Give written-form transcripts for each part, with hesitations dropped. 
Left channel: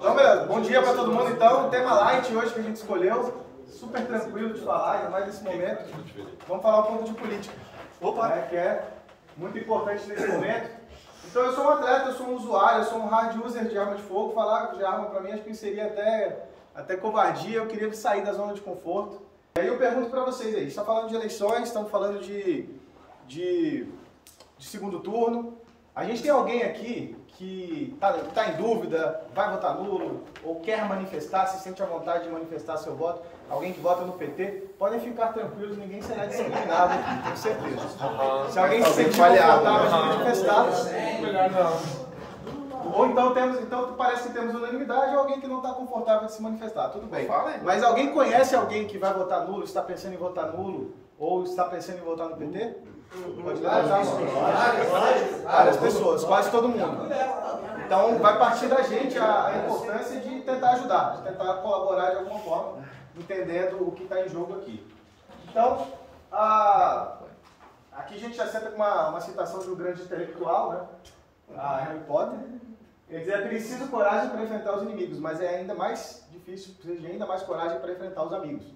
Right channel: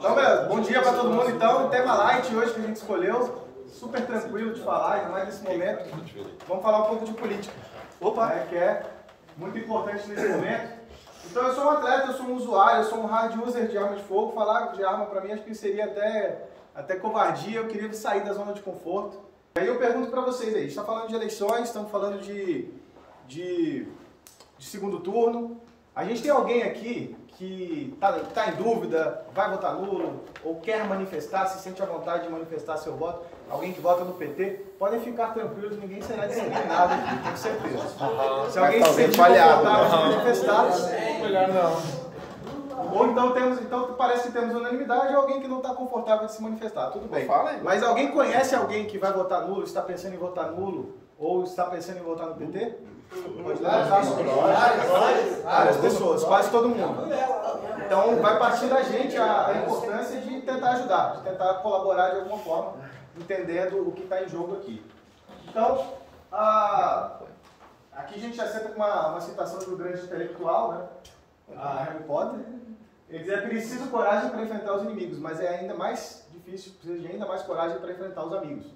Então, beleza. Bom dia para todo mundo, então. Tema light hoje que a gente escolheu. Super tranquilo de falar, ainda mais nesse momento. Vamos falar um pouco de política. Opa! Que é muito importante nesse momento. Então, eu sou um atleta, eu sou um usuário, eu sou um hard user de arma de fogo. Falar de arma para mim acho que seria até covardia. Eu queria sair da zona de conforto. Aí eu pergunto para vocês aí, a gente está falando de eleições, estamos falando de segundo turno. A gente tem alguém aqui que tá em dúvida, vai votar nulo, ou quer manifestar, se sente à vontade de manifestar seu voto, alguém que vota no PT, podem ficar tranquilos, ninguém será discriminado aqui, tenho certeza. Se alguém se sentir confortável de manifestar, ou então parece que temos unanimidade, ou alguém que não está confortável de se manifestar, tudo bem. Mas alguém conhece alguém que vai votar nulo, está pensando em votar nulo, ou está pensando em votar no PT? Pode levantar a mão. Várias pessoas, quase todo mundo. Então vai partir da gente a importância de tentar ajudar, de tentar colaborar de alguma forma, entendendo o que está em jogo aqui. Então, aqui a gente já senta com uma citação de um grande intelectual, né? Harry Potter. Ele diz: é preciso coragem para enfrentar os inimigos, mas é ainda mais difícil, precisa de ainda mais coragem para enfrentar os amigos.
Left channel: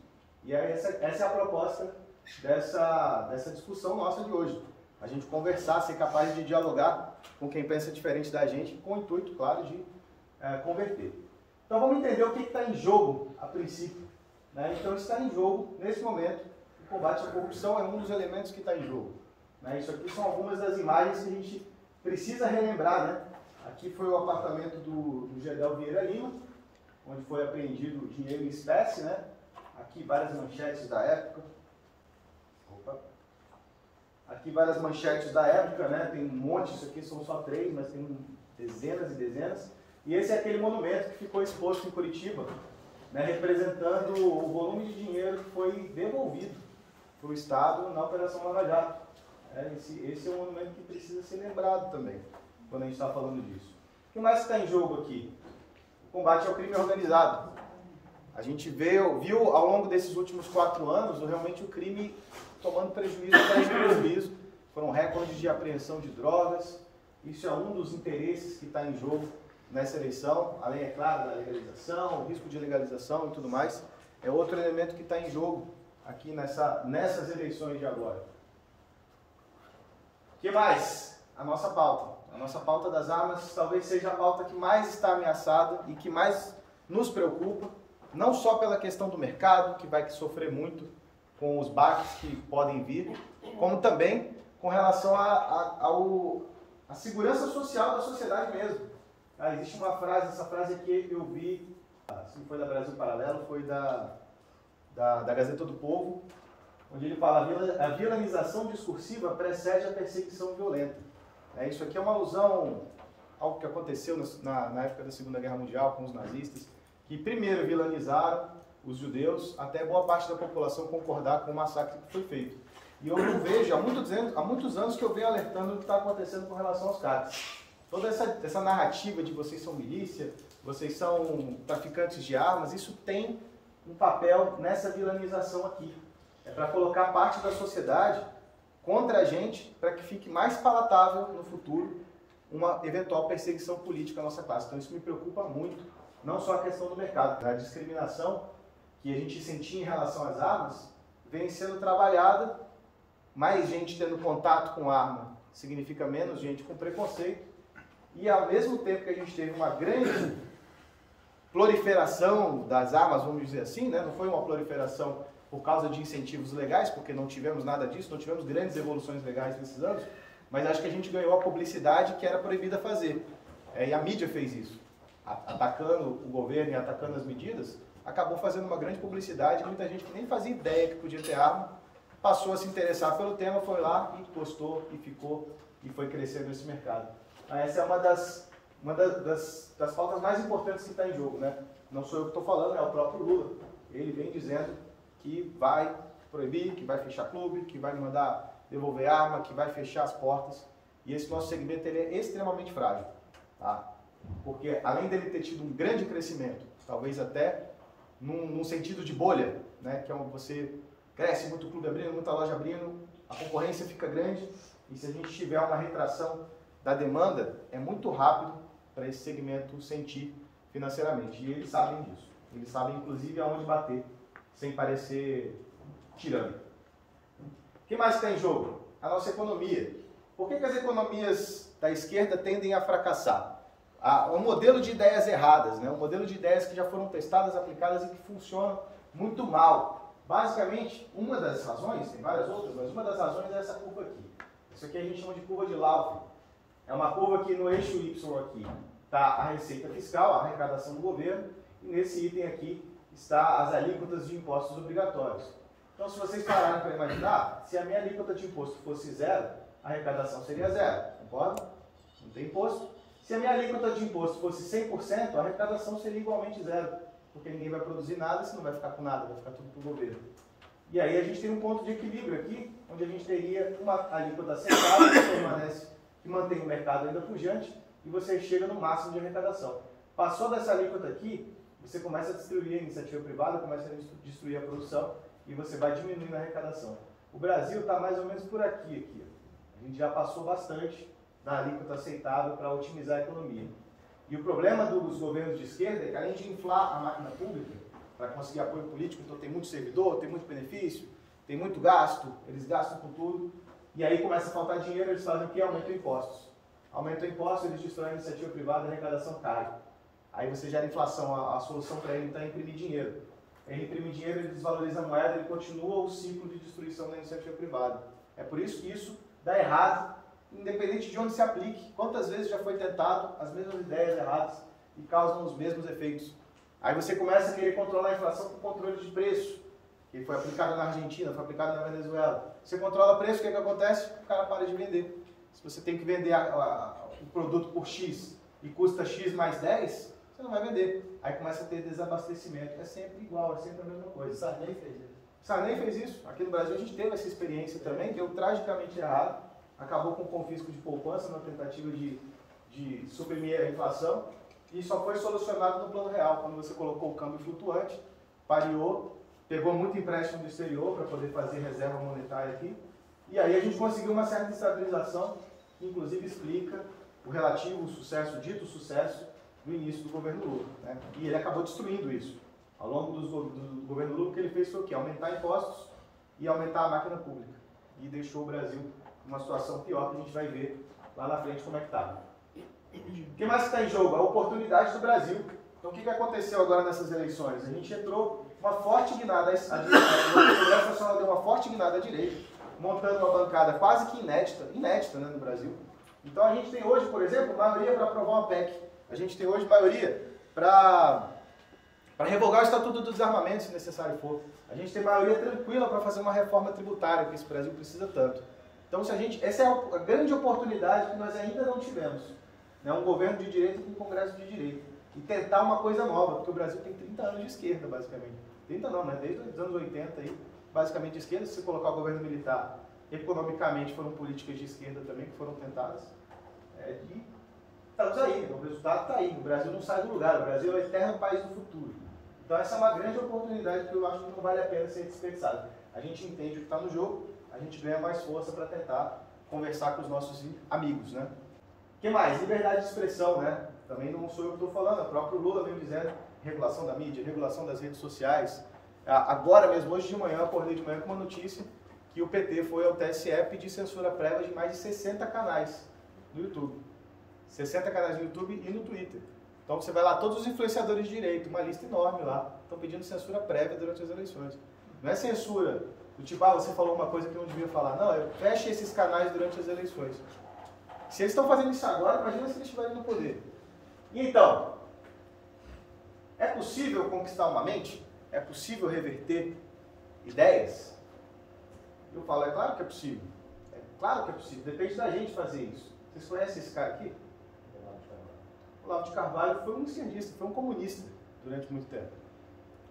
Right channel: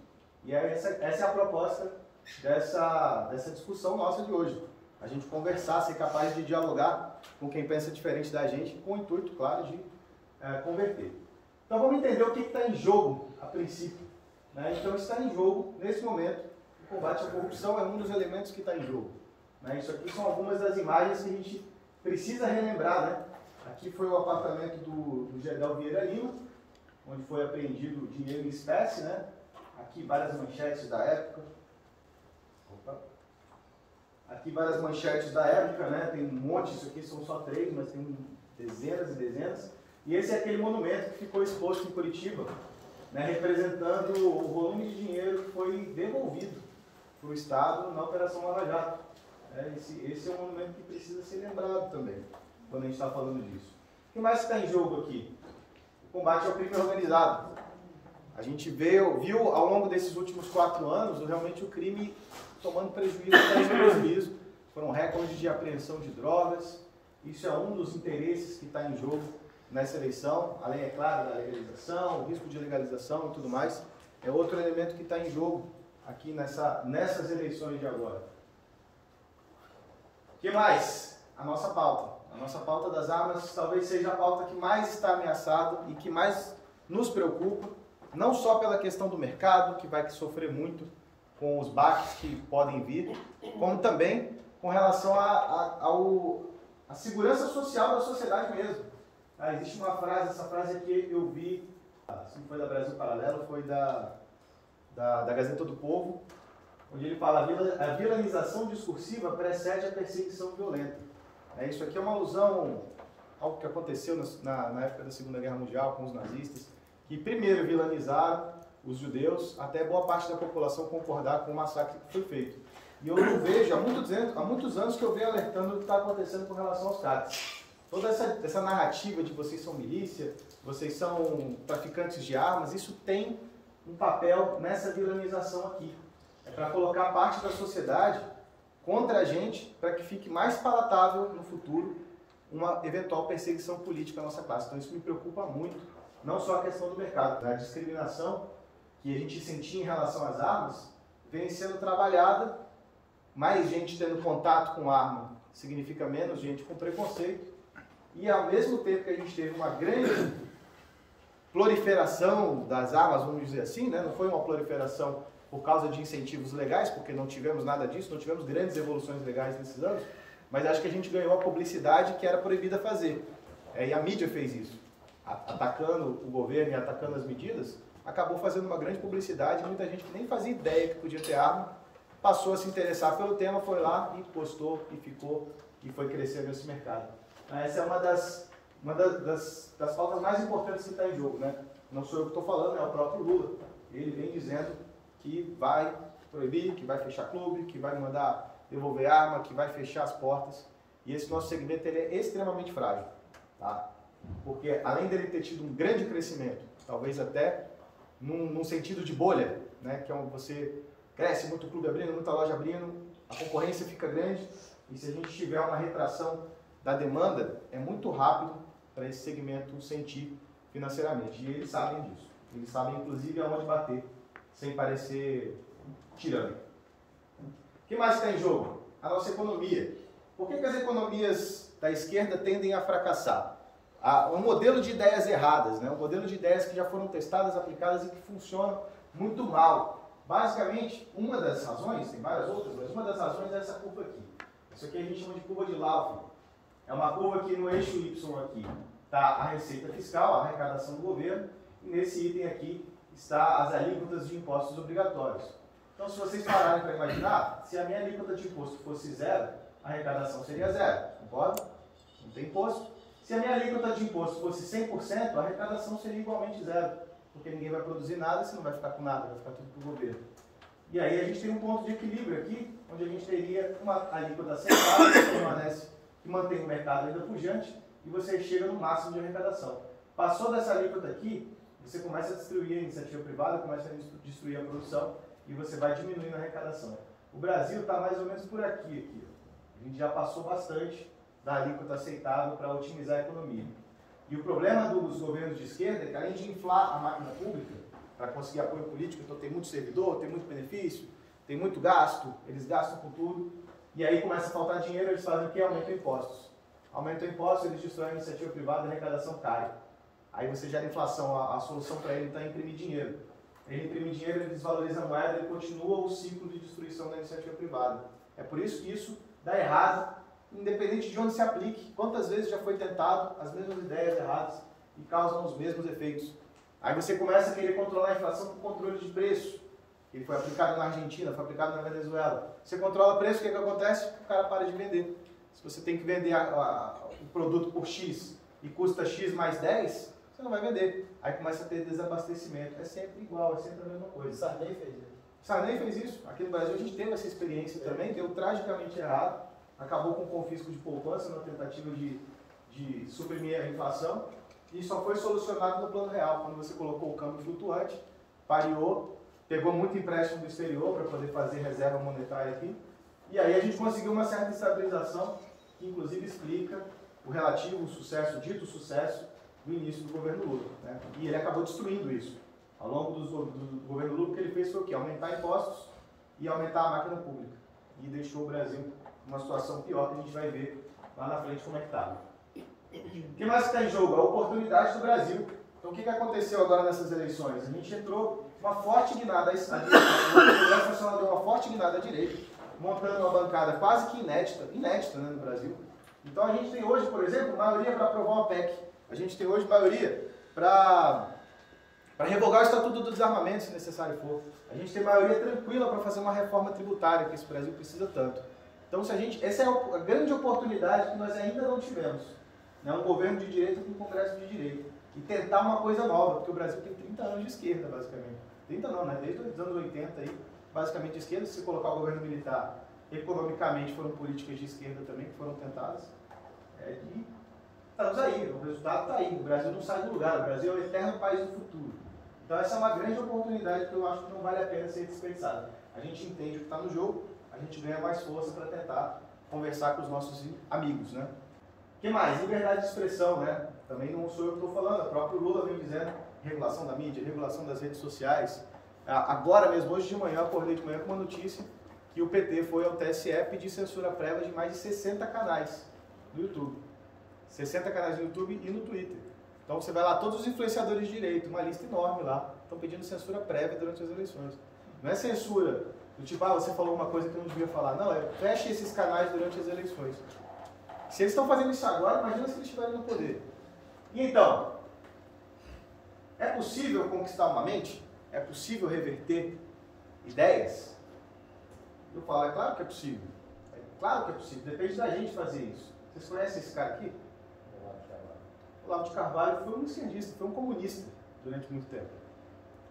E aí essa é a proposta dessa discussão nossa de hoje. A gente conversar, ser capaz de dialogar com quem pensa diferente da gente, com o intuito, claro, de converter. Então vamos entender o que está em jogo a princípio. Né? Então está em jogo, nesse momento, o combate à corrupção é um dos elementos que está em jogo. Né? Isso aqui são algumas das imagens que a gente precisa relembrar. Né? Aqui foi o apartamento do Gedel Vieira Lima, onde foi apreendido dinheiro em espécie. Né? Aqui várias manchetes da época. Aqui várias manchetes da época, né? Tem um monte, isso aqui são só 3, mas tem dezenas e dezenas. E esse é aquele monumento que ficou exposto em Curitiba, né? Representando o volume de dinheiro que foi devolvido para o Estado na Operação Lava Jato. Esse é um monumento que precisa ser lembrado também, quando a gente está falando disso. O que mais está em jogo aqui? O combate ao crime organizado. A gente viu ao longo desses últimos 4 anos, realmente o crime tomando prejuízo atrás de prejuízo. Foram recordes de apreensão de drogas. Isso é um dos interesses que está em jogo nessa eleição, além, é claro, da legalização, o risco de legalização e tudo mais. É outro elemento que está em jogo aqui nessas eleições de agora. O que mais? A nossa pauta. A nossa pauta das armas talvez seja a pauta que mais está ameaçada e que mais nos preocupa, não só pela questão do mercado, que vai sofrer muito com os baques que podem vir, como também com relação à segurança social da sociedade mesmo. Existe uma frase, essa frase aqui eu vi, se não foi da Brasil Paralelo, foi da Gazeta do Povo, onde ele fala: a vilanização discursiva precede a perseguição violenta. Isso aqui é uma alusão ao que aconteceu na época da Segunda Guerra Mundial com os nazistas, que primeiro vilanizaram os judeus, até boa parte da população concordar com o massacre que foi feito. E eu não vejo, há muitos anos que eu venho alertando do que está acontecendo com relação aos CACs. Toda essa narrativa de vocês são milícia, vocês são traficantes de armas, isso tem um papel nessa vilanização aqui. É para colocar parte da sociedade contra a gente, para que fique mais palatável no futuro uma eventual perseguição política à nossa classe. Então isso me preocupa muito, não só a questão do mercado, a discriminação que a gente sentia em relação às armas, vem sendo trabalhada. Mais gente tendo contato com arma significa menos gente com preconceito. E ao mesmo tempo que a gente teve uma grande proliferação das armas, vamos dizer assim, né? Não foi uma proliferação por causa de incentivos legais, porque não tivemos nada disso, não tivemos grandes evoluções legais nesses anos, mas acho que a gente ganhou a publicidade que era proibida fazer. E a mídia fez isso, atacando o governo e atacando as medidas, acabou fazendo uma grande publicidade. Muita gente que nem fazia ideia que podia ter arma, passou a se interessar pelo tema, foi lá e postou e ficou e foi crescendo esse mercado. Essa é uma das pautas mais importantes que está em jogo, né? Não sou eu que estou falando, é o próprio Lula. Ele vem dizendo que vai proibir, que vai fechar clube, que vai mandar devolver arma, que vai fechar as portas. E esse nosso segmento ele é extremamente frágil, tá? Porque além dele ter tido um grande crescimento, talvez até num sentido de bolha, né? Que é onde você cresce, muito clube abrindo, muita loja abrindo, a concorrência fica grande, e se a gente tiver uma retração da demanda, é muito rápido para esse segmento sentir financeiramente. E eles sabem disso. Eles sabem, inclusive, aonde bater, sem parecer tirânico. O que mais está em jogo? A nossa economia. Por que as economias da esquerda tendem a fracassar? Um modelo de ideias erradas, né? Um modelo de ideias que já foram testadas, aplicadas e que funcionam muito mal. Basicamente, uma das razões, tem várias outras, mas uma das razões é essa curva aqui. Isso aqui a gente chama de curva de Laufey. É uma curva que no eixo Y aqui está a receita fiscal, a arrecadação do governo, e nesse item aqui está as alíquotas de impostos obrigatórios. Então, se vocês pararem para imaginar, se a minha alíquota de imposto fosse zero, a arrecadação seria zero, concorda? Não tem imposto. Se a minha alíquota de imposto fosse 100%, a arrecadação seria igualmente zero, porque ninguém vai produzir nada, você não vai ficar com nada, vai ficar tudo para o governo. E aí a gente tem um ponto de equilíbrio aqui, onde a gente teria uma alíquota central que permanece, que mantém o mercado ainda pujante, e você chega no máximo de arrecadação. Passou dessa alíquota aqui, você começa a destruir a iniciativa privada, começa a destruir a produção, e você vai diminuindo a arrecadação. O Brasil está mais ou menos por aqui. A gente já passou bastante da alíquota aceitável para otimizar a economia. E o problema dos governos de esquerda é que, além de inflar a máquina pública para conseguir apoio político, então tem muito servidor, tem muito benefício, tem muito gasto, eles gastam com tudo, e aí começa a faltar dinheiro, eles fazem o quê? Aumentam impostos. Aumentam impostos, eles destroem a iniciativa privada, a arrecadação cai. Aí você gera inflação, a solução para ele está em imprimir dinheiro. Ele imprime dinheiro, ele desvaloriza a moeda, ele continua o ciclo de destruição da iniciativa privada. É por isso que isso dá errado, independente de onde se aplique. Quantas vezes já foi tentado as mesmas ideias erradas e causam os mesmos efeitos. Aí você começa a querer controlar a inflação com controle de preço, que foi aplicado na Argentina, foi aplicado na Venezuela. Você controla o preço, o que acontece? O cara para de vender. Se você tem que vender o produto por X e custa X mais 10, você não vai vender. Aí começa a ter desabastecimento. É sempre igual, é sempre a mesma coisa. Sarney fez isso. Sarney fez isso. Aqui no Brasil a gente teve essa experiência também, deu tragicamente errado. Acabou com o confisco de poupança, na tentativa de suprimir a inflação. E só foi solucionado no plano real, quando você colocou o câmbio flutuante, pareou, pegou muito empréstimo do exterior para poder fazer reserva monetária aqui. E aí a gente conseguiu uma certa estabilização, que inclusive explica o relativo sucesso, dito sucesso, do início do governo Lula, né? E ele acabou destruindo isso. Ao longo do governo Lula, o que ele fez foi o quê? Aumentar impostos e aumentar a máquina pública. E deixou o Brasil numa situação pior, que a gente vai ver lá na frente como é que está. O que mais está em jogo? A oportunidade do Brasil. Então, o que aconteceu agora nessas eleições? A gente entrou uma forte guinada à direita. O Congresso Nacional deu uma forte guinada à direita, montando uma bancada quase que inédita, né, no Brasil. Então, a gente tem hoje, por exemplo, maioria para aprovar uma PEC. A gente tem hoje maioria para revogar o Estatuto do Desarmamento, se necessário for. A gente tem maioria tranquila para fazer uma reforma tributária, que esse Brasil precisa tanto. Então, essa é a grande oportunidade que nós ainda não tivemos. Né? Um governo de direita com um Congresso de direita. E tentar uma coisa nova, porque o Brasil tem 30 anos de esquerda, basicamente. 30 não, né? Desde os anos 80, aí, basicamente de esquerda. Se você colocar o governo militar, economicamente foram políticas de esquerda também que foram tentadas. E estamos aí, o resultado está aí. O Brasil não sai do lugar, o Brasil é o eterno país do futuro. Então essa é uma grande oportunidade que eu acho que não vale a pena ser desperdiçada. A gente entende o que está no jogo, a gente ganha mais força para tentar conversar com os nossos amigos, né? O que mais? Liberdade de expressão, né? Também não sou eu que estou falando, o próprio Lula vem dizendo regulação da mídia, regulação das redes sociais. Agora mesmo, hoje de manhã, eu acordei de manhã com uma notícia que o PT foi ao TSE pedir censura prévia de mais de 60 canais no YouTube. 60 canais no YouTube e no Twitter. Então você vai lá, todos os influenciadores de direito, uma lista enorme lá, estão pedindo censura prévia durante as eleições. Não é censura do tipo, você falou uma coisa que não devia falar. Não, feche esses canais durante as eleições. Se eles estão fazendo isso agora, imagina se eles estiverem no poder. E então, é possível conquistar uma mente? É possível reverter ideias? Eu falo, é claro que é possível. É claro que é possível, depende da gente fazer isso. Vocês conhecem esse cara aqui? Olavo de Carvalho foi um esquerdista, foi um comunista durante muito tempo.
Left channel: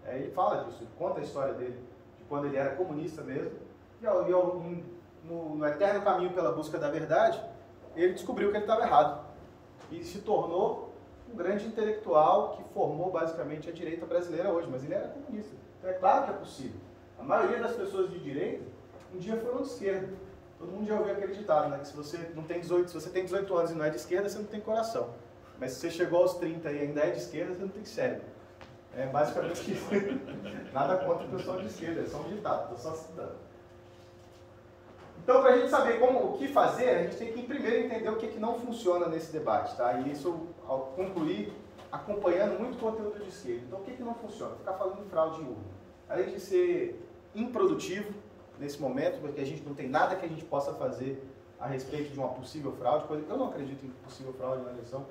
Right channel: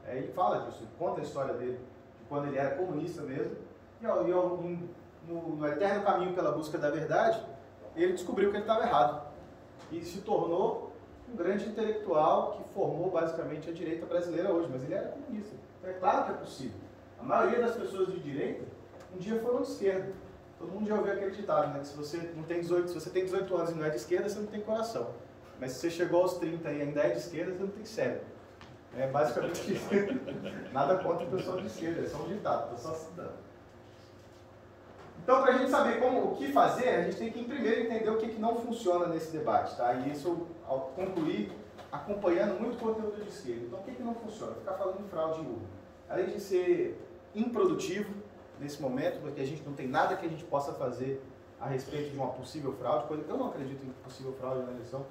Ele fala disso, ele conta a história dele, de quando ele era comunista mesmo, e no eterno caminho pela busca da verdade, ele descobriu que ele estava errado. E se tornou um grande intelectual que formou basicamente a direita brasileira hoje, mas ele era comunista. Então é claro que é possível. A maioria das pessoas de direita, um dia foram de esquerda. Todo mundo já ouviu aquele ditado, né? Que se você tem 18 anos e não é de esquerda, você não tem coração. Mas se você chegou aos 30 e ainda é de esquerda, você não tem cérebro. É basicamente isso. Nada contra o pessoal de esquerda, é só um ditado, estou só citando. Então, para a gente saber o que fazer, a gente tem que primeiro entender o que não funciona nesse debate, tá? E isso, ao concluir, acompanhando muito conteúdo de esquerda. Então, o que não funciona? Ficar falando em fraude em urna. Além de ser improdutivo nesse momento, porque a gente não tem nada que a gente possa fazer a respeito de uma possível fraude, coisa que eu não acredito em possível fraude na eleição.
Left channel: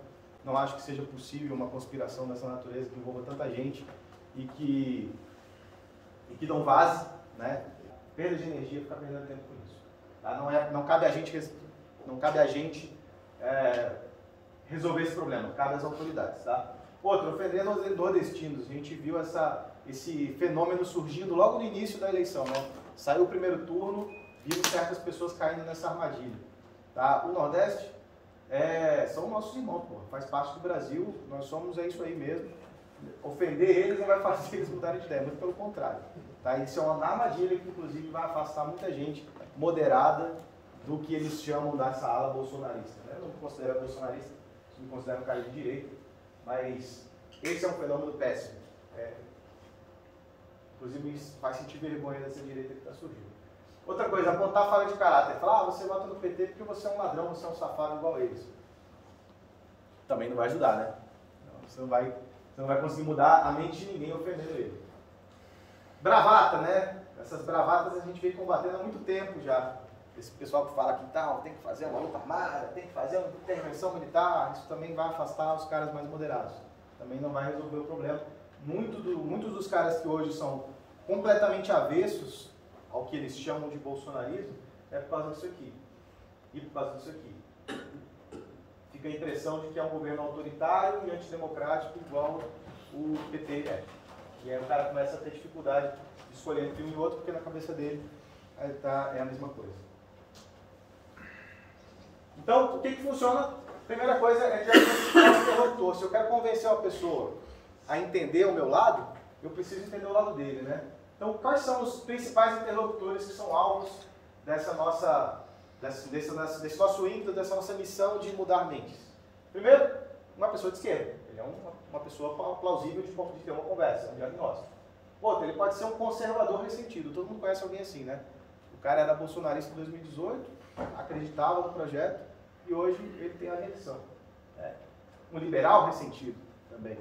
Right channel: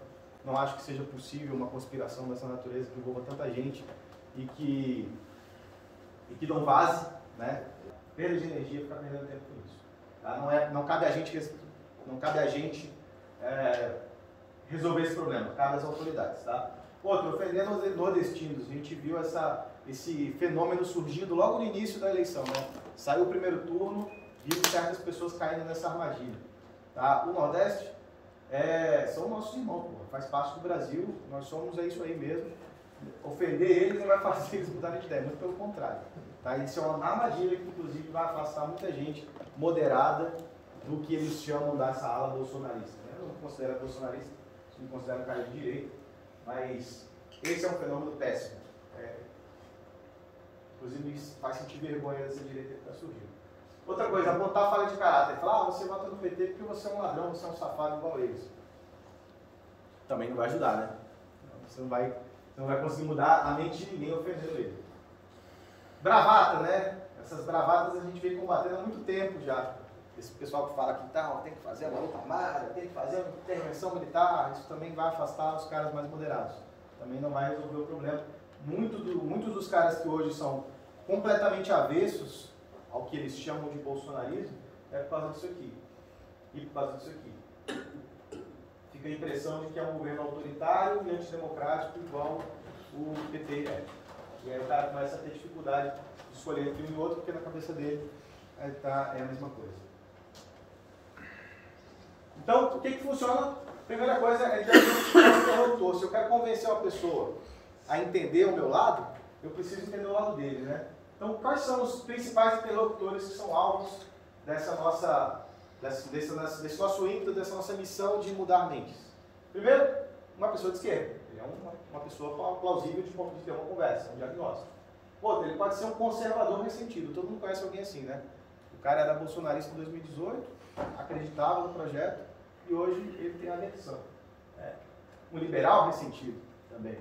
Não acho que seja possível uma conspiração dessa natureza que envolva tanta gente e que não vaze, né? Perda de energia, ficar perdendo tempo com isso. Tá? Não cabe a gente resolver esse problema, cabe às autoridades. Tá? Outro, ofender nordestinos. A gente viu esse fenômeno surgindo logo no início da eleição. Né? Saiu o primeiro turno, vimos certas pessoas caindo nessa armadilha. Tá? O Nordeste são nossos irmãos, porra. Faz parte do Brasil, nós somos isso aí mesmo. Ofender eles não vai fazer eles mudarem de ideia, muito pelo contrário. Tá? Isso é uma armadilha que, inclusive, vai afastar muita gente moderada do que eles chamam dessa ala bolsonarista. Né? Eu não me considero bolsonarista, me considero um cara de direita, mas esse é um fenômeno péssimo. Inclusive, me faz sentir vergonha dessa direita que está surgindo. Outra coisa, apontar a falha de caráter. Falar, você vota no PT porque você é um ladrão, você é um safado igual eles. Também não vai ajudar, né? Você não vai conseguir mudar a mente de ninguém ofendendo ele. Bravata, né? Essas bravatas a gente vem combatendo há muito tempo já. Esse pessoal que fala que tem que fazer uma luta armada, tem que fazer uma intervenção militar, isso também vai afastar os caras mais moderados. Também não vai resolver o problema. Muitos dos caras que hoje são completamente avessos ao que eles chamam de bolsonarismo, é por causa disso aqui. E por causa disso aqui. Fica a impressão de que é um governo autoritário e antidemocrático igual o PT é. E aí o cara começa a ter dificuldade de escolher entre um e outro, porque na cabeça dele é a mesma coisa. Então, o que funciona? Primeira coisa é diagnosticar o interlocutor. Se eu quero convencer uma pessoa a entender o meu lado, eu preciso entender o lado dele, né? Então, quais são os principais interlocutores que são alvos desse nosso ímpeto, dessa nossa missão de mudar mentes? Primeiro, uma pessoa de esquerda. Ele é uma pessoa plausível de ter uma conversa, um diagnóstico. Outro, ele pode ser um conservador ressentido. Todo mundo conhece alguém assim, né? O cara era bolsonarista em 2018, acreditava no projeto e hoje ele tem aversão. Um liberal ressentido também.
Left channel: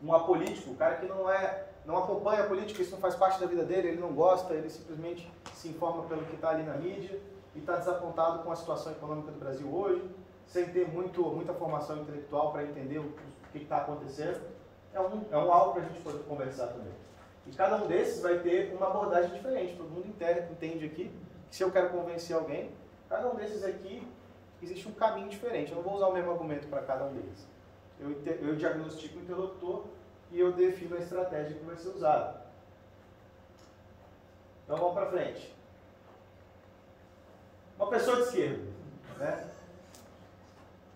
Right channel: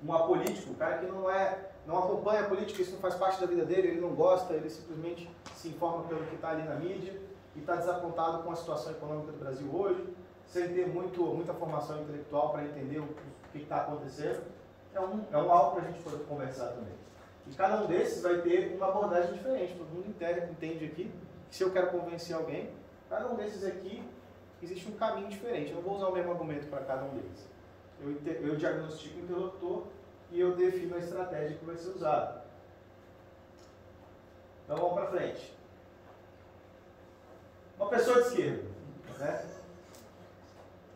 Um apolítico, o cara que não acompanha a política, isso não faz parte da vida dele, ele não gosta, ele simplesmente se informa pelo que está ali na mídia e está desapontado com a situação econômica do Brasil hoje, sem ter muita formação intelectual para entender o que está acontecendo. É um algo para a gente poder conversar também. E cada um desses vai ter uma abordagem diferente. Todo mundo entende aqui, se eu quero convencer alguém, cada um desses aqui existe um caminho diferente. Eu não vou usar o mesmo argumento para cada um deles. Eu diagnostico o interlocutor e eu defino a estratégia que vai ser usada. Então vamos para frente. Uma pessoa de esquerda, né?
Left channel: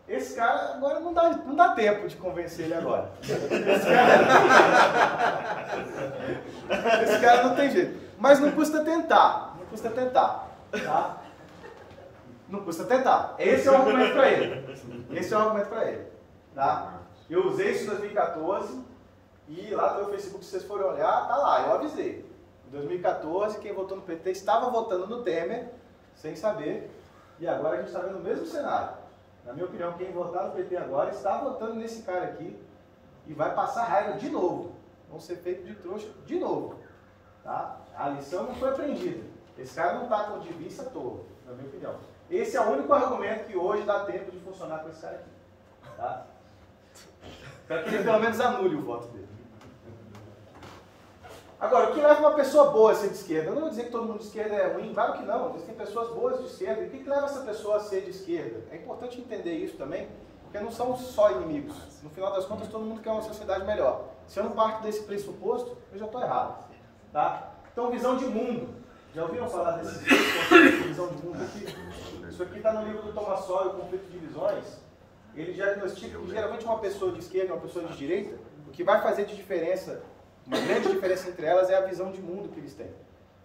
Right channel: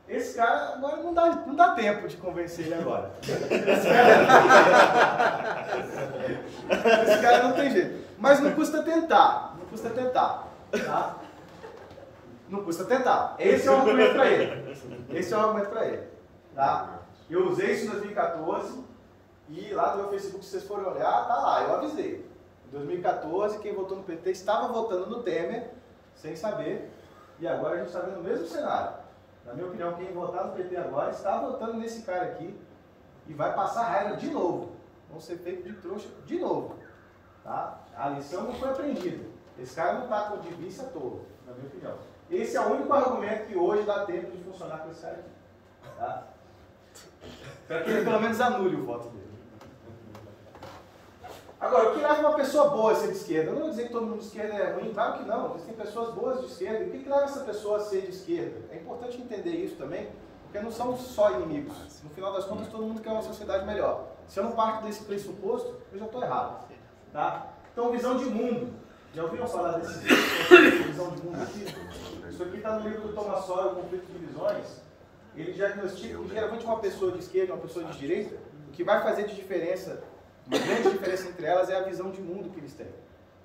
Esse cara agora não dá tempo de convencer ele agora. Esse cara não tem jeito. Mas não custa tentar. Não custa tentar. Tá? Não custa tentar. Esse é o argumento para ele. Tá? Eu usei isso em 2014 e lá no meu Facebook, se vocês forem olhar, tá lá, eu avisei. Em 2014, quem votou no PT estava votando no Temer, sem saber, e agora a gente está vendo o mesmo cenário. Na minha opinião, quem votar no PT agora está votando nesse cara aqui e vai passar raiva de novo. Vão ser feitos de trouxa de novo. Tá? A lição não foi aprendida. Esse cara não está com de vista tolo, na minha opinião. Esse é o único argumento que hoje dá tempo de funcionar com esse cara aqui. Tá? Para que ele pelo menos anule o voto dele. Agora, o que leva uma pessoa boa a ser de esquerda? Eu não vou dizer que todo mundo de esquerda é ruim, claro que não. Existem pessoas boas de esquerda. E o que leva essa pessoa a ser de esquerda? É importante entender isso também, porque não são só inimigos. No final das contas, todo mundo quer uma sociedade melhor. Se eu não parto desse pressuposto, eu já estou errado. Tá? Então, visão de mundo. Já ouviram falar desse conceito de visão de mundo aqui? Isso aqui está no livro do Thomas Sowell, O Conflito de Visões. Ele diagnostica que geralmente uma pessoa de esquerda e uma pessoa de direita, o que vai fazer de diferença, uma grande diferença entre elas é a visão de mundo que eles têm.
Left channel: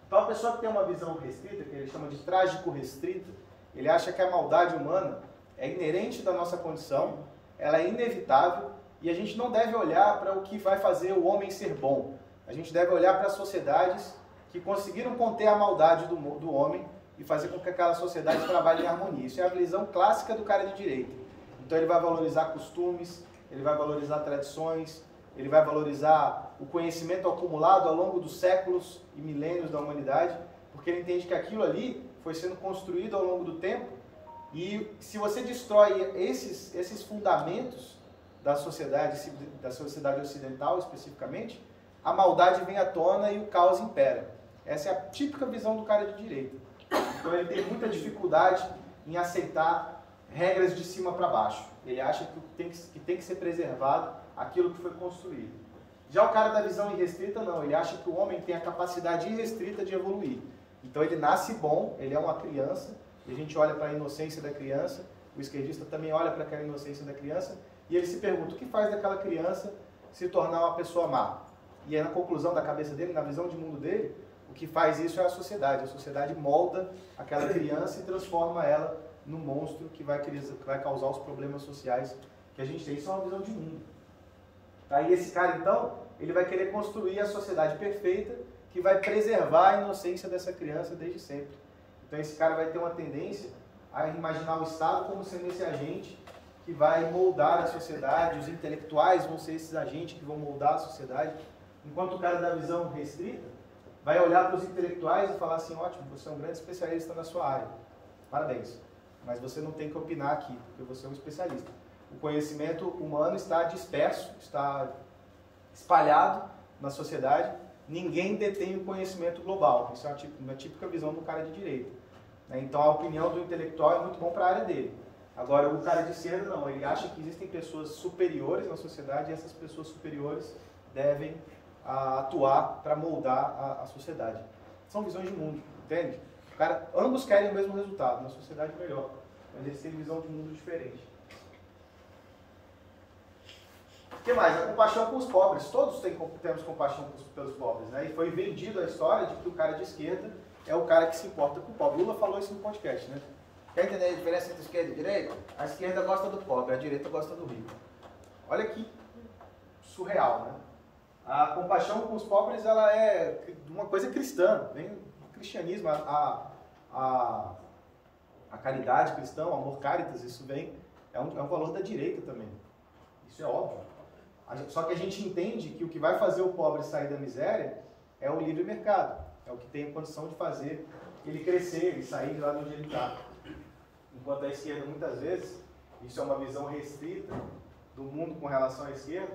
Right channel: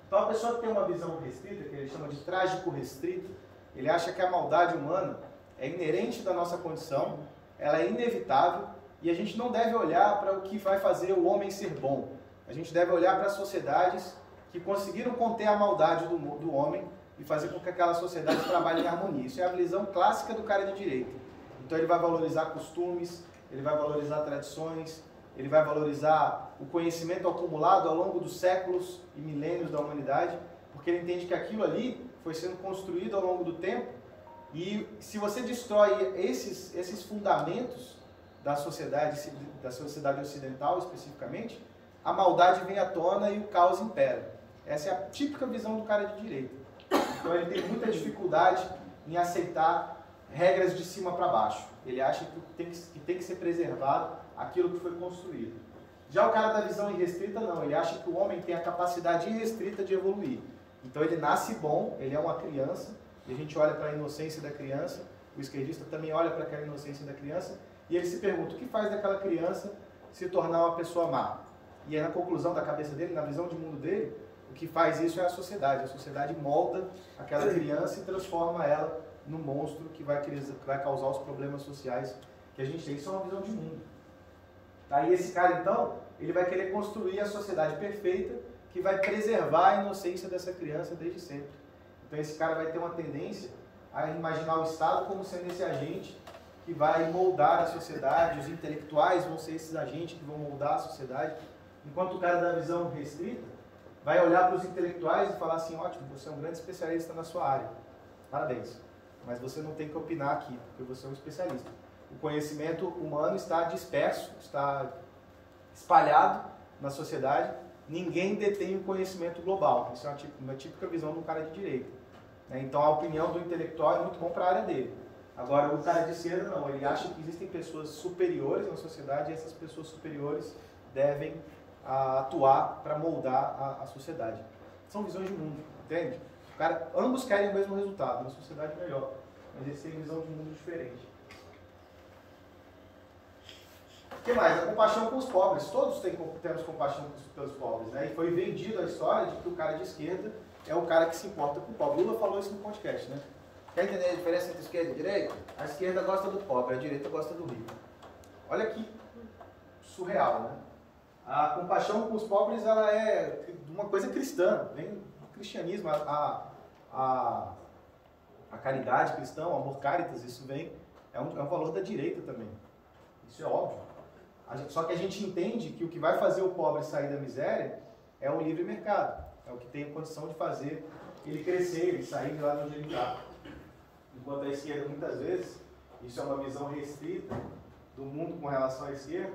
Então a pessoa que tem uma visão restrita, que ele chama de trágico restrita, ele acha que a maldade humana é inerente da nossa condição ela é inevitável e a gente não deve olhar para o que vai fazer o homem ser bom. A gente deve olhar para as sociedades que conseguiram conter a maldade do homem e fazer com que aquela sociedade trabalhe em harmonia. Isso é a visão clássica do cara de direita. Então ele vai valorizar costumes, ele vai valorizar tradições, ele vai valorizar o conhecimento acumulado ao longo dos séculos e milênios da humanidade, porque ele entende que aquilo ali foi sendo construído ao longo do tempo e se você destrói esses fundamentos da sociedade ocidental especificamente, a maldade vem à tona e o caos impera. Essa é a típica visão do cara de direita. Então ele tem muita dificuldade em aceitar regras de cima para baixo. Ele acha que tem que ser preservado aquilo que foi construído. Já o cara da visão irrestrita, não. Ele acha que o homem tem a capacidade irrestrita de evoluir. Então ele nasce bom, ele é uma criança, e a gente olha para a inocência da criança, o esquerdista também olha para aquela inocência da criança, e ele se pergunta, o que faz daquela criança se tornar uma pessoa má? E aí na conclusão da cabeça dele, na visão de mundo dele, o que faz isso é a sociedade molda aquela criança e transforma ela no monstro que vai causar os problemas sociais que a gente tem. Isso é uma visão de mundo. Aí esse cara, então, ele vai querer construir a sociedade perfeita que vai preservar a inocência dessa criança desde sempre. Então esse cara vai ter uma tendência a imaginar o Estado como sendo esse agente que vai moldar a sociedade, os intelectuais vão ser esses agentes que vão moldar a sociedade, enquanto o cara da visão restrita vai olhar para os intelectuais e falar assim, ótimo, você é um grande especialista na sua área, parabéns, mas você não tem que opinar aqui, porque você é um especialista. O conhecimento humano está disperso, está espalhado na sociedade, ninguém detém o conhecimento global. Isso é uma típica visão do cara de direita. Então a opinião do intelectual é muito bom para a área dele. Agora o cara de esquerda não, ele acha que existem pessoas superiores na sociedade e essas pessoas superiores devem atuar para moldar a sociedade. São visões de mundo, entende? Ambos querem o mesmo resultado, uma sociedade melhor, mas eles têm visão de mundo diferente. O que mais? A compaixão com os pobres. Todos temos compaixão pelos pobres, né? E foi vendido a história de que o cara de esquerda é o cara que se importa com o pobre. Lula falou isso no podcast, né? Quer entender a diferença entre esquerda e direita? A esquerda gosta do pobre, a direita gosta do rico. Olha que surreal, né? A compaixão com os pobres, ela é uma coisa cristã, vem do cristianismo. A caridade cristã, o amor caritas, isso é um valor da direita também. Isso é óbvio. Só que a gente entende que o que vai fazer o pobre sair da miséria é o livre mercado. É o que tem a condição de fazer ele crescer, ele sair de lá onde ele está. Enquanto a esquerda, muitas vezes, isso é uma visão restrita do mundo com relação à esquerda,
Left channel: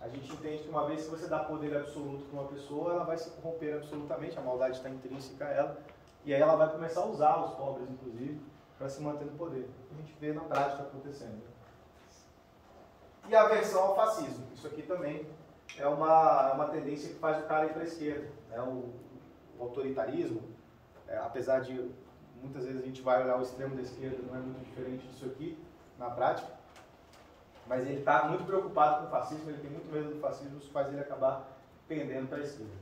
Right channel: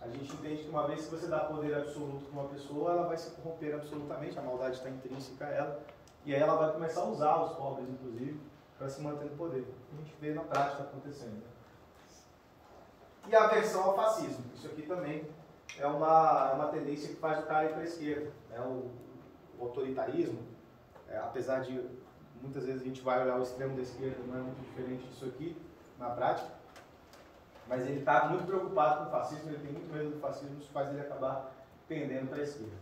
a gente entende que uma vez que você dá poder absoluto para uma pessoa, ela vai se corromper absolutamente, a maldade está intrínseca a ela, e aí ela vai começar a usar os pobres, inclusive, para se manter no poder. A gente vê na prática acontecendo. E a aversão ao fascismo. Isso aqui também é uma tendência que faz o cara ir para a esquerda. Né? O autoritarismo, apesar de muitas vezes a gente vai olhar o extremo da esquerda, não é muito diferente disso aqui na prática, mas ele está muito preocupado com o fascismo, ele tem muito medo do fascismo, isso faz ele acabar pendendo para a esquerda.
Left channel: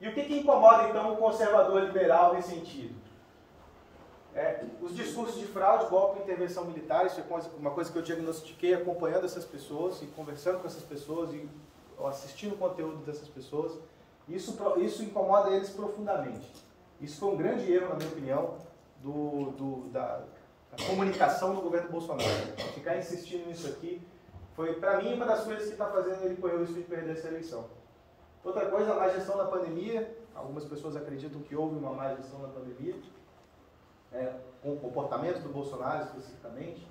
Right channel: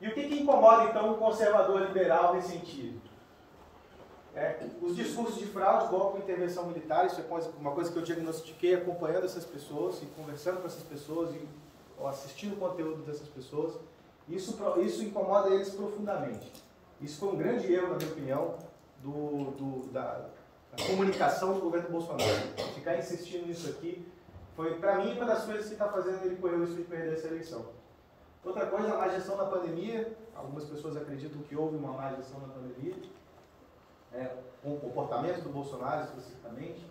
E o que incomoda então o conservador liberal ressentido? Os discursos de fraude, golpe e intervenção militar. Isso é uma coisa que eu diagnostiquei acompanhando essas pessoas e conversando com essas pessoas e assistindo o conteúdo dessas pessoas. Isso incomoda eles profundamente. Isso foi um grande erro, na minha opinião, da comunicação do governo Bolsonaro. Ficar insistindo nisso aqui foi, para mim, uma das coisas que está fazendo ele correr o risco de perder essa eleição. Outra coisa, a má gestão da pandemia. Algumas pessoas acreditam que houve uma má gestão da pandemia. Com o comportamento do Bolsonaro especificamente,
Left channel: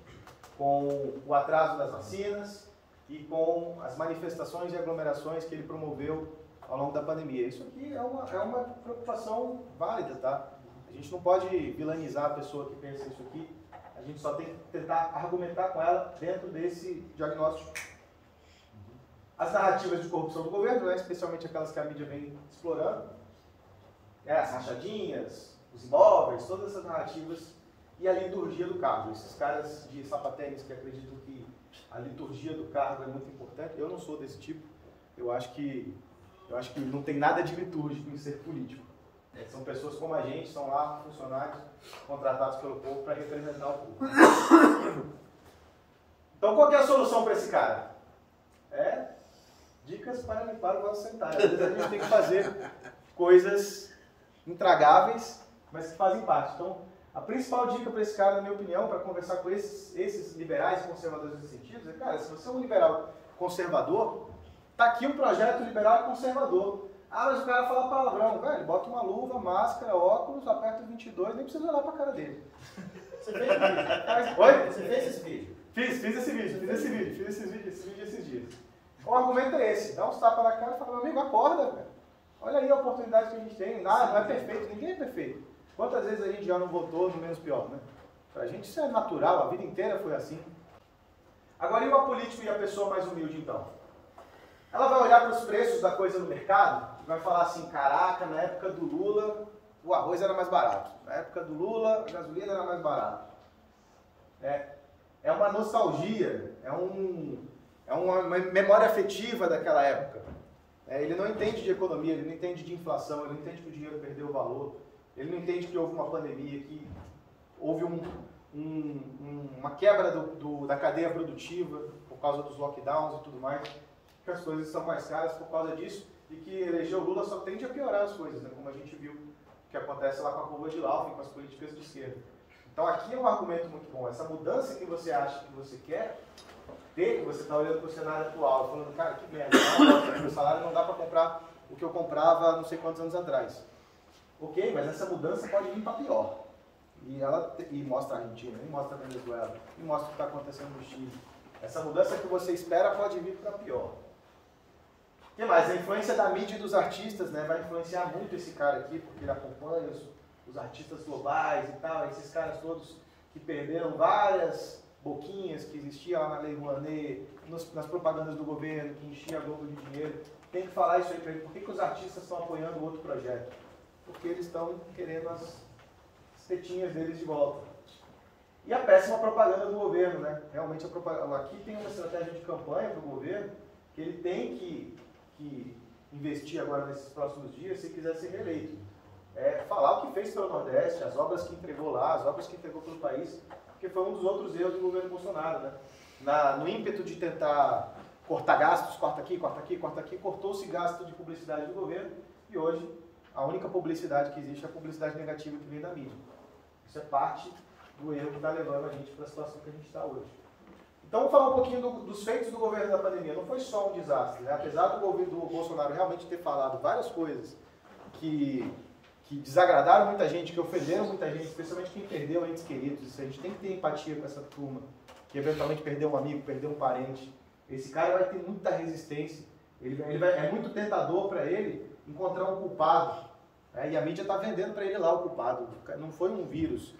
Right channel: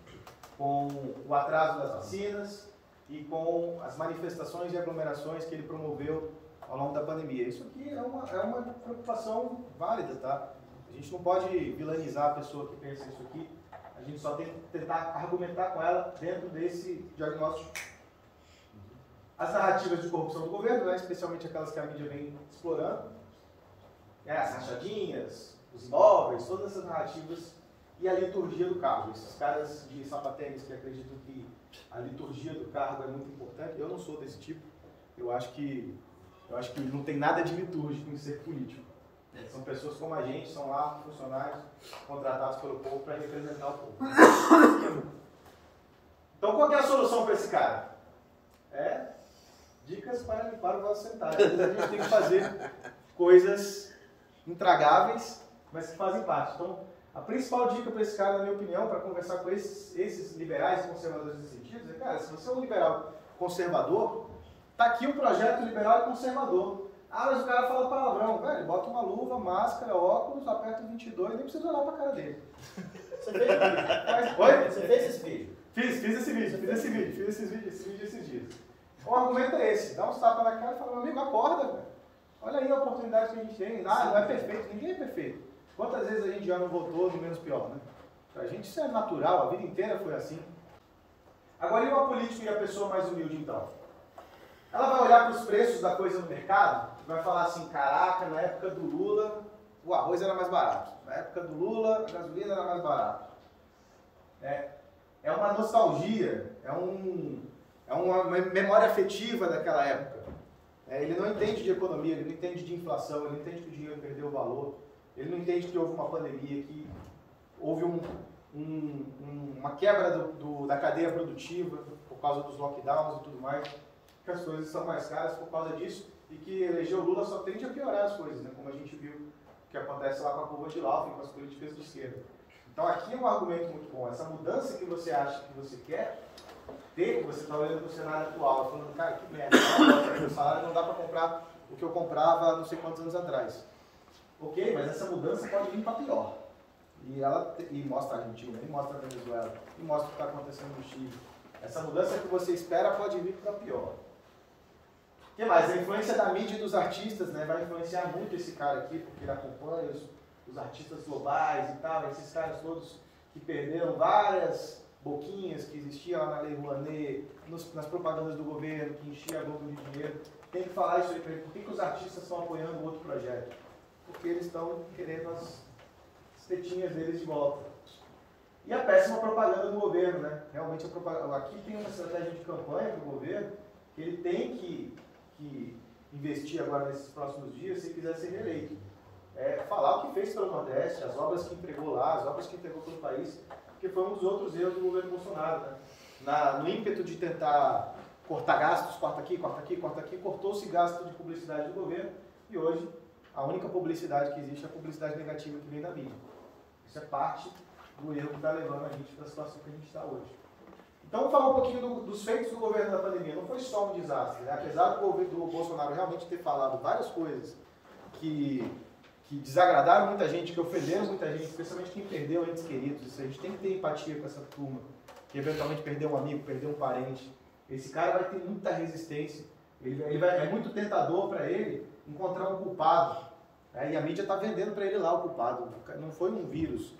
com o atraso das vacinas e com as manifestações e aglomerações que ele promoveu ao longo da pandemia. Isso aqui é uma preocupação válida, tá? A gente não pode vilanizar a pessoa que pensa isso aqui, a gente só tem que tentar argumentar com ela dentro desse diagnóstico. As narrativas de corrupção do governo, né, especialmente aquelas que a mídia vem explorando, as rachadinhas, os imóveis, todas essas narrativas, e a liturgia do cargo. Esses caras de sapatênis que acreditam que a liturgia do cargo é muito importante, eu não sou desse tipo. Eu acho que não tem nada de litúrgico em ser político. São pessoas como a gente, são lá funcionários contratados pelo povo para representar o povo. Então, qual que é a solução para esse cara? Dicas para limpar o vaso sanitário. Às vezes a gente tem que fazer coisas intragáveis, mas que fazem parte. Então, a principal dica para esse cara, na minha opinião, para conversar com esses liberais e conservadores nesse sentido, é, cara, se você é um liberal conservador, tá aqui um projeto liberal e conservador. Ah, mas o cara fala palavrão. Velho, bota uma luva, máscara, óculos, aperta o 22, nem precisa olhar para a cara dele. Você fez esse vídeo? Oi? Você fez esse vídeo? Fiz esse vídeo esses dias. O argumento é esse, dá uns tapas na cara e fala, meu amigo, acorda, velho. Olha aí a oportunidade que a gente tem. Não é perfeito, ninguém é perfeito. Quantas vezes a gente já não votou no menos pior, né? Pra gente isso é natural, a vida inteira foi assim. Agora, e o apolítico e a pessoa mais humilde, então? Ela vai olhar para os preços da coisa no mercado e vai falar assim, caraca, na época do Lula, o arroz era mais barato. Na época do Lula, a gasolina era mais barata. É uma nostalgia, é uma memória afetiva daquela época. Ele não entende de economia, ele não entende de inflação, ele não entende que o dinheiro perdeu o valor, ele não entende que houve uma pandemia, que houve uma quebra da cadeia produtiva por causa dos lockdowns e tudo mais, que as coisas são mais caras por causa disso e que eleger o Lula só tende a piorar as coisas, né? Como a gente viu que acontece lá com a curva de Laufen, com as políticas de esquerda. Então aqui é um argumento muito bom, essa mudança que você acha que você quer ter, que você está olhando para o cenário atual, falando, cara, que merda, o salário não dá para comprar o que eu comprava não sei quantos anos atrás. Ok, mas essa mudança pode vir para pior. E mostra a Argentina, e mostra a Venezuela, e mostra o que está acontecendo no Chile. Essa mudança que você espera pode vir para pior. O que mais? A influência da mídia e dos artistas, né, vai influenciar muito esse cara aqui, porque ele acompanha os artistas globais e tal, esses caras todos que perderam várias boquinhas que existiam lá na Lei Rouanet, nas propagandas do governo, que enchia a Globo de dinheiro. Tem que falar isso aí para ele. Por que os artistas estão apoiando o outro projeto? Porque eles estão querendo as tetinhas deles de volta. E a péssima propaganda do governo, né? Realmente aqui tem uma estratégia de campanha para o governo que ele tem que investir agora nesses próximos dias se quiser ser reeleito. Falar o que fez pelo Nordeste, as obras que entregou lá, as obras que entregou pelo país, porque foi um dos outros erros do governo Bolsonaro, né? No ímpeto de tentar cortar gastos, corta aqui, cortou-se gasto de publicidade do governo e hoje a única publicidade que existe é a publicidade negativa que vem da mídia. Isso é parte do erro que está levando a gente para a situação que a gente está hoje. Então, vamos falar um pouquinho dos feitos do governo da pandemia. Não foi só um desastre, né? Apesar do governo do Bolsonaro realmente ter falado várias coisas que desagradaram muita gente, que ofenderam muita gente, especialmente quem perdeu entes queridos. Isso a gente tem que ter empatia com essa turma, que eventualmente perdeu um amigo, perdeu um parente. Esse cara vai ter muita resistência. É muito tentador para ele encontrar um culpado. E a mídia está vendendo para ele lá o culpado. Não foi um vírus,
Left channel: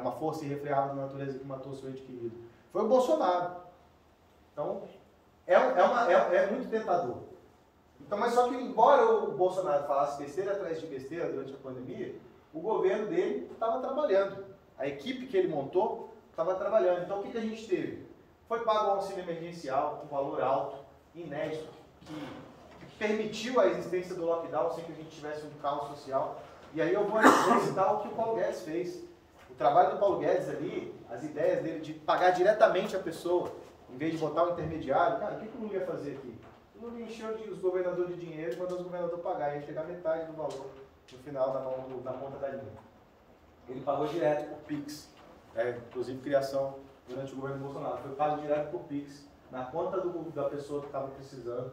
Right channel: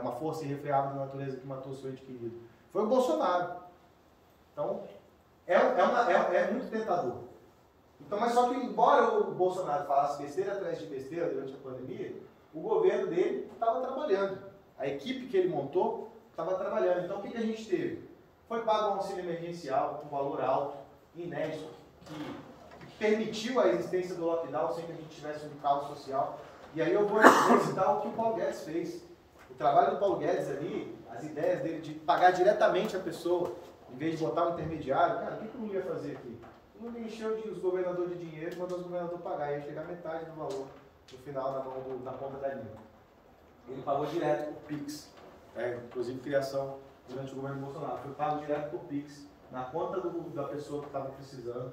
uma força irrefreável da natureza que matou seu ente querido. Foi o Bolsonaro. Então, é muito tentador. Então, mas só que, embora o Bolsonaro falasse besteira atrás de besteira durante a pandemia, o governo dele estava trabalhando. A equipe que ele montou estava trabalhando. Então, o que a gente teve? Foi pago um auxílio emergencial com valor alto, inédito, que permitiu a existência do lockdown sem que a gente tivesse um caos social. E aí eu vou citar o que o Paulo Guedes fez. O trabalho do Paulo Guedes ali, as ideias dele de pagar diretamente a pessoa, em vez de botar um intermediário. Cara, o que o Lula ia fazer aqui? O Lula encheu os governadores de dinheiro e mandou os governadores pagar. Ia chegar metade do valor no final na ponta da linha. Ele pagou direto por Pix. Inclusive criação durante o governo Bolsonaro. Foi pago direto por Pix na conta da pessoa que estava precisando.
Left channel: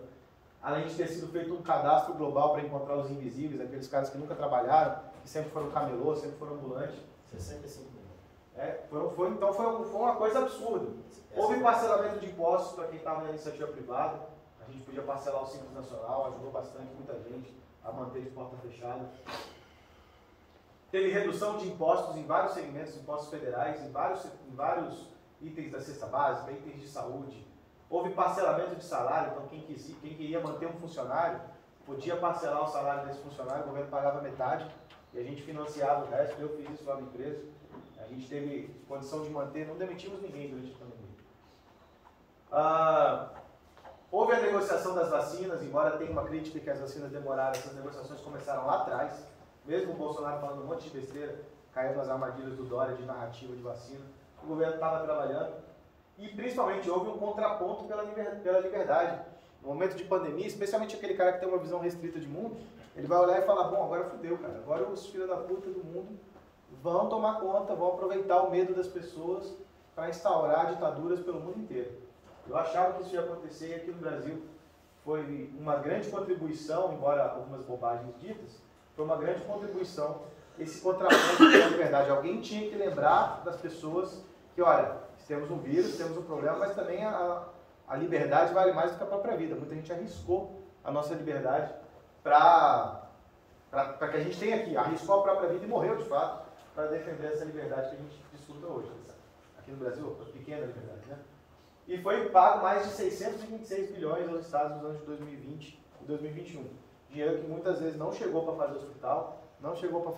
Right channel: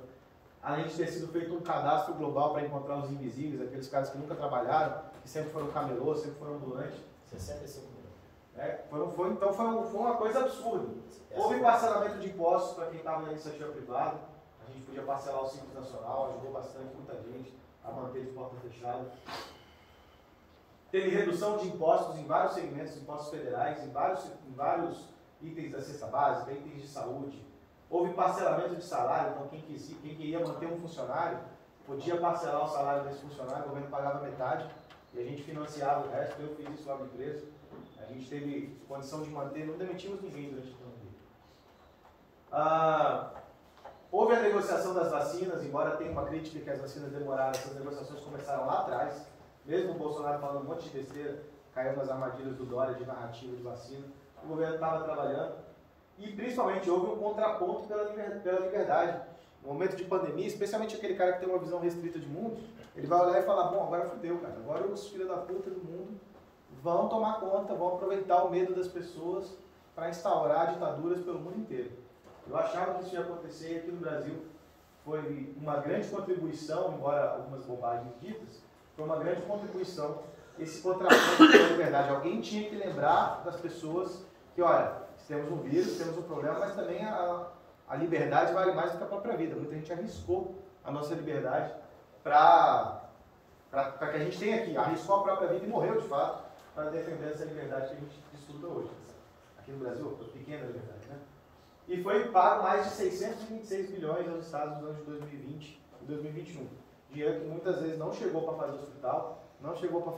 Além de ter sido feito um cadastro global para encontrar os invisíveis, aqueles caras que nunca trabalharam, que sempre foram camelôs, sempre foram ambulantes. 65 mil. Então foi uma coisa absurda. Houve parcelamento de impostos para quem estava na iniciativa privada. A gente podia parcelar o Simples Nacional, ajudou bastante muita gente a manter de porta fechada. Teve redução de impostos em vários segmentos, impostos federais, em vários itens da cesta básica, itens de saúde. Houve parcelamento de salário, então quem queria manter um funcionário podia parcelar o salário desse funcionário, o governo pagava metade e a gente financiava o resto. Eu fiz isso lá na empresa. A gente teve condição de manter, não demitimos ninguém durante a pandemia. Houve a negociação das vacinas, embora tenha uma crítica que as vacinas demoraram, essas negociações começaram lá atrás. Mesmo o Bolsonaro falando um monte de besteira, caiu nas armadilhas do Dória de narrativa de vacina. O governo estava trabalhando. E principalmente houve um contraponto pela liberdade. No momento de pandemia, especialmente aquele cara que tem uma visão restrita de mundo, ele vai olhar e falar, bom, agora fudeu, cara. Agora os filhos da puta do mundo vão tomar conta, vão aproveitar o medo das pessoas para instaurar ditaduras pelo mundo inteiro. Eu achava que isso ia acontecer e aqui no Brasil foi uma grande contribuição, embora algumas bobagens ditas, foi uma grande contribuição esse contraponto pela liberdade. Alguém tinha que lembrar das pessoas que, olha, temos um vírus, temos um problema, mas também a liberdade vale mais do que a própria vida. Muita gente arriscou a nossa liberdade para que a gente tenha aqui. Arriscou a própria vida e morreu, de fato, para defender essa liberdade que a gente disputa hoje. Aqui no Brasil, a pequena liberdade, né? E foi pago mais de 626 bilhões aos estados nos anos de 2020 e 2021. Dinheiro que muitas vezes não chegou para fazer hospital, não chegou para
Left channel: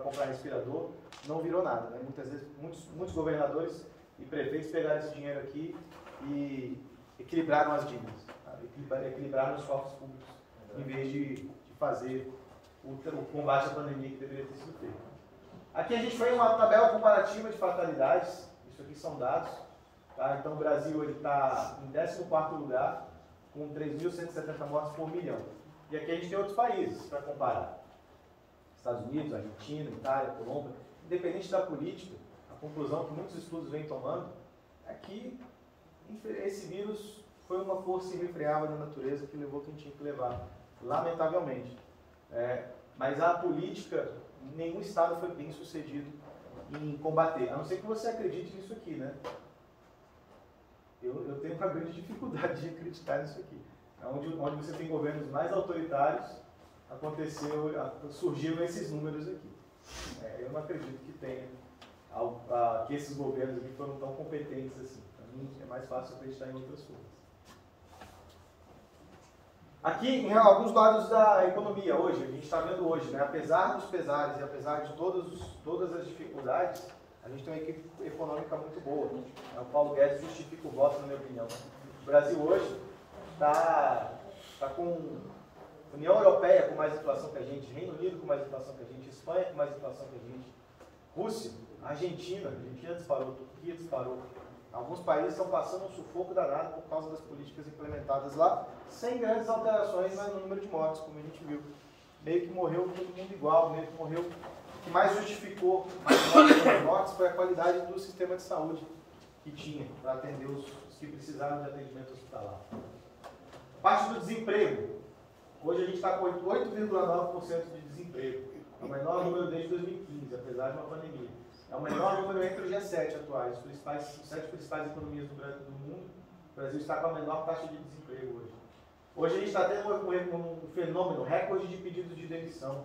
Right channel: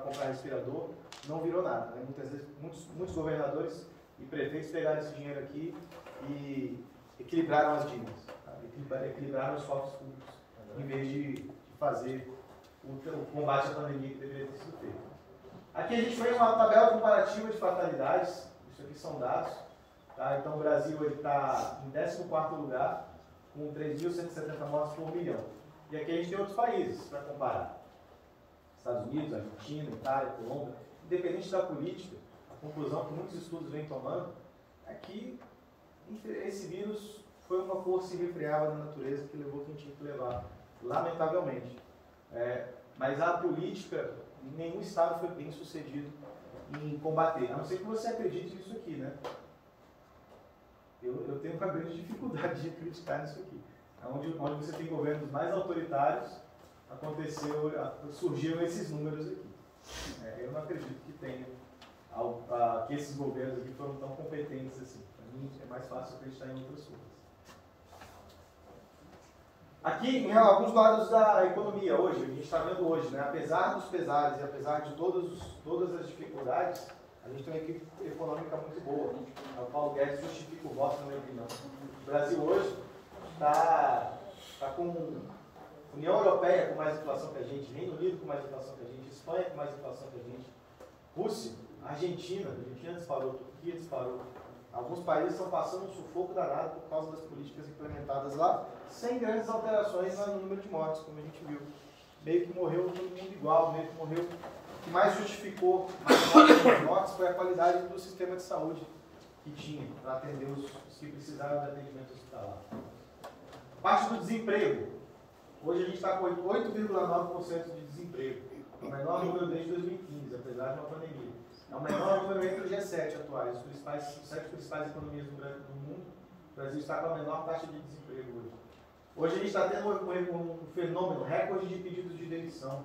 comprar respirador, não virou nada. Né? Muitas vezes, muitos governadores e prefeitos pegaram esse dinheiro aqui e equilibraram as dívidas, tá? Equilibraram os cofres públicos, em vez de fazer o combate à pandemia que deveria ter sido feito. Aqui a gente fez uma tabela comparativa de fatalidades, isso aqui são dados. Tá? Então o Brasil está em 14º lugar, com 3.170 mortes por milhão. E aqui a gente tem outros países para comparar. Estados Unidos, Argentina, Itália, Colômbia. Independente da política, a conclusão que muitos estudos vêm tomando é que esse vírus foi uma força irrefreável da natureza que levou quem tinha que levar, lamentavelmente. Mas a política, nenhum Estado foi bem sucedido em combater, a não ser que você acredite nisso aqui, né? Eu tenho uma grande dificuldade de acreditar nisso aqui. Onde você tem governos mais autoritários, surgiram esses números aqui. Eu não acredito que esses governos aqui foram tão competentes assim. Para mim é mais fácil acreditar em outras coisas. Aqui, em alguns dados da economia, hoje, a gente está vendo hoje, né? Apesar dos pesares e apesar de todas as dificuldades, a gente tem uma equipe econômica muito boa. O Paulo Guedes justifica o voto, na minha opinião. O Brasil hoje está com a União Europeia com mais inflação que a gente, Reino Unido com mais inflação que a gente, Espanha com mais inflação que a gente, Rússia, Argentina disparou, Turquia disparou. Alguns países estão passando um sufoco danado por causa das políticas implementadas lá, sem grandes alterações no número de mortes, como a gente viu. Meio que morreu todo mundo igual, meio que morreu. O que mais justificou mais mortes foi a qualidade do sistema de saúde que tinha para atender os que precisaram de atendimento hospitalar. Parte do desemprego. Hoje a gente está com 8,9% de desemprego. É o menor número desde 2015, apesar de uma pandemia. É o menor número entre os G7 atuais, os 7 principais economias do mundo. O Brasil está com a menor taxa de desemprego hoje. Hoje a gente está tendo um fenômeno, recorde de pedidos de demissão.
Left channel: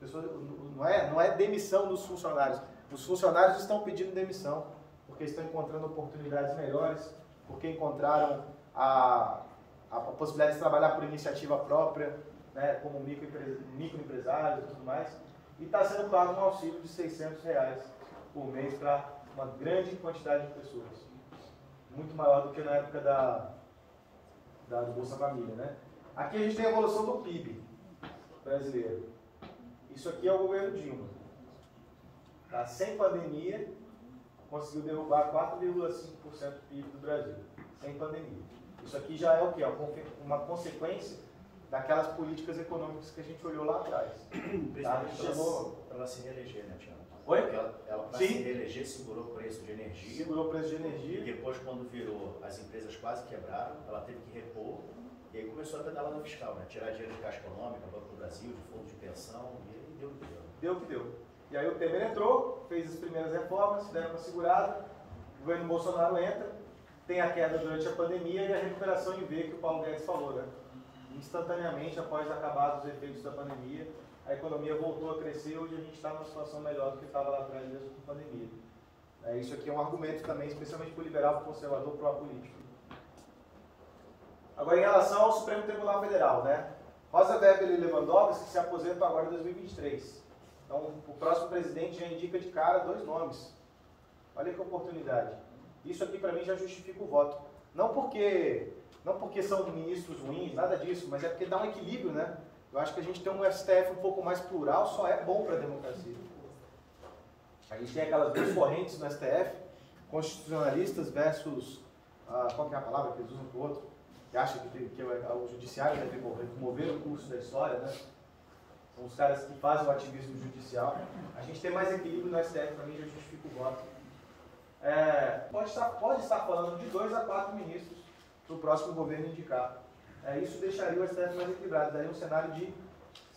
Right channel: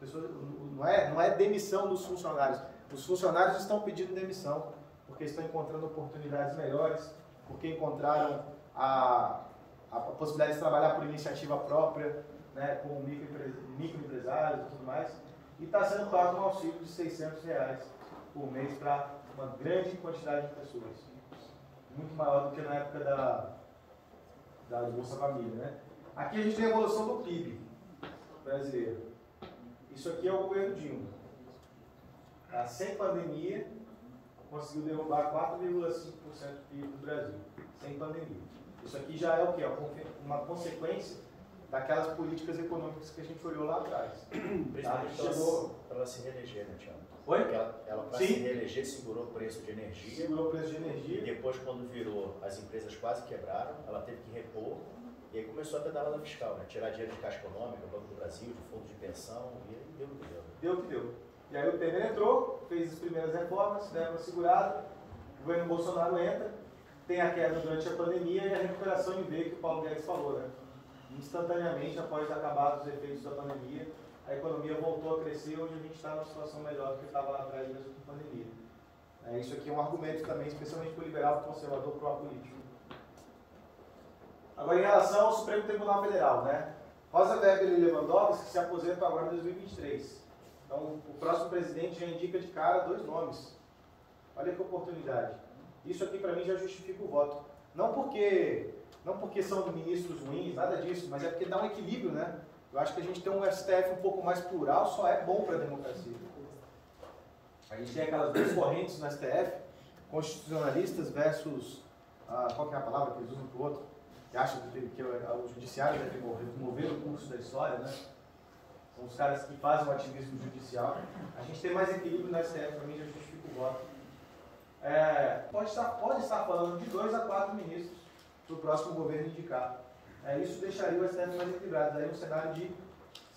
Pessoas, não é demissão dos funcionários. Os funcionários estão pedindo demissão, porque estão encontrando oportunidades melhores, porque encontraram a possibilidade de trabalhar por iniciativa própria, né, como microempresários e tudo mais. E está sendo pago um auxílio de R$600 por mês para uma grande quantidade de pessoas. Muito maior do que na época do Bolsa Família, né? Aqui a gente tem a evolução do PIB brasileiro. Isso aqui é o governo Dilma. Tá? Sem pandemia, conseguiu derrubar 4,5% do PIB do Brasil. Sem pandemia. Isso aqui já é o quê? Uma consequência daquelas políticas econômicas que a gente olhou lá atrás. Ela se reeleger, né, Tiago? Oi? Ela para se reeleger, segurou o preço de energia. Segurou o preço de energia. E depois, quando virou, as empresas quase quebraram, ela teve que repor. E aí começou a pedalada fiscal, né? Tirar dinheiro de Caixa Econômica, Banco do Brasil, de fundo de pensão, e deu o que deu. Deu o que deu. E aí o Temer entrou, fez as primeiras reformas, deram uma segurada, o governo Bolsonaro entra, tem a queda durante a pandemia e a recuperação em V que o Paulo Guedes falou, né? Instantaneamente, após acabar os efeitos da pandemia, a economia voltou a crescer, hoje a gente está numa situação melhor do que estava lá atrás da pandemia. Isso aqui é um argumento também, especialmente para o liberal, para o conservador, para o apolítico. Agora, em relação ao Supremo Tribunal Federal, né? Rosa Weber e Lewandowski se aposentam agora em 2023. Então, o próximo presidente já indica de cara 2 nomes. Olha que oportunidade. Isso aqui, para mim, já justifica o voto. Não porque são ministros ruins, nada disso, mas é porque dá um equilíbrio, né? Eu acho que a gente ter um STF um pouco mais plural só é bom para a democracia. A gente tem aquelas 2 correntes no STF, constitucionalistas versus, qual que é a palavra que eles usam para o outro, que acham que o judiciário deve mover o curso da história, né? São os caras que fazem o ativismo judicial. A gente tem mais equilíbrio no STF, para mim já justifica o voto. Pode estar falando de 2 a 4 ministros para o próximo governo indicar. Isso deixaria o STF mais equilibrado. Daí um cenário de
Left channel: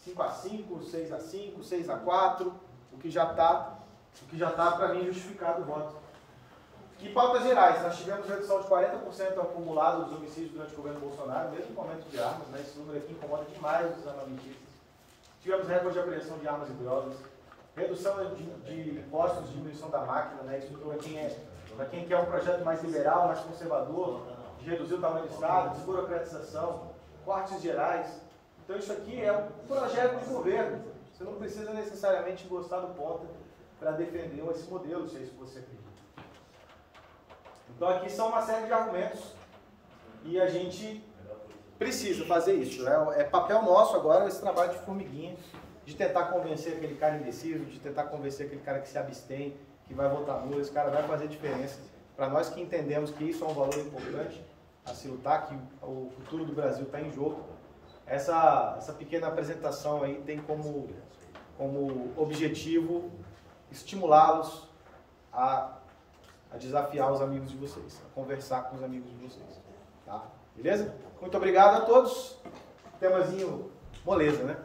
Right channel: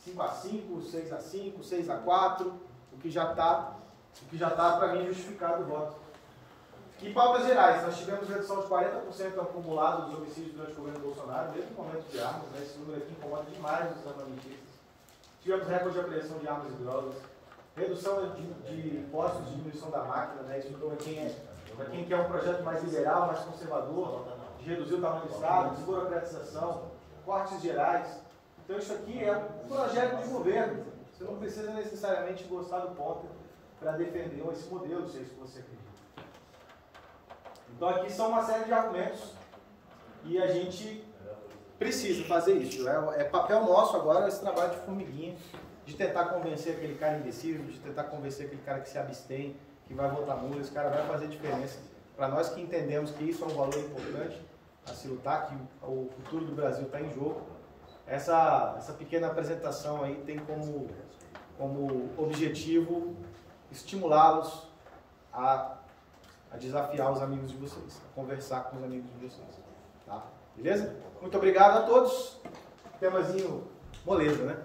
5 a 5, 6 a 5, 6 a 4, o que já está para mim justificado o voto. E pautas gerais, nós tivemos redução de 40% acumulado dos homicídios durante o governo Bolsonaro, mesmo com aumento de armas, né? Esse número aqui incomoda demais os armamentistas. Tivemos recorde de apreensão de armas e drogas, redução de impostos, diminuição da máquina, né? Isso para quem quer um projeto mais liberal, mais conservador, de reduzir o tamanho do Estado, desburocratização, cortes gerais. Então isso aqui é um projeto de governo. Você não precisa necessariamente gostar do ponto para defender esse modelo, se é isso que você acredita. Então aqui são uma série de argumentos e a gente precisa fazer isso, né? É papel nosso agora esse trabalho de formiguinha, de tentar convencer aquele cara indeciso, de tentar convencer aquele cara que se abstém, que vai votar nulo. Esse cara vai fazer diferença. Para nós que entendemos que isso é um valor importante a se lutar, que o futuro do Brasil está em jogo, essa pequena apresentação aí tem como objetivo estimulá-los a desafiar os amigos de vocês, a conversar com os amigos de vocês. Tá? Beleza? Muito obrigado a todos. Temazinho moleza, né?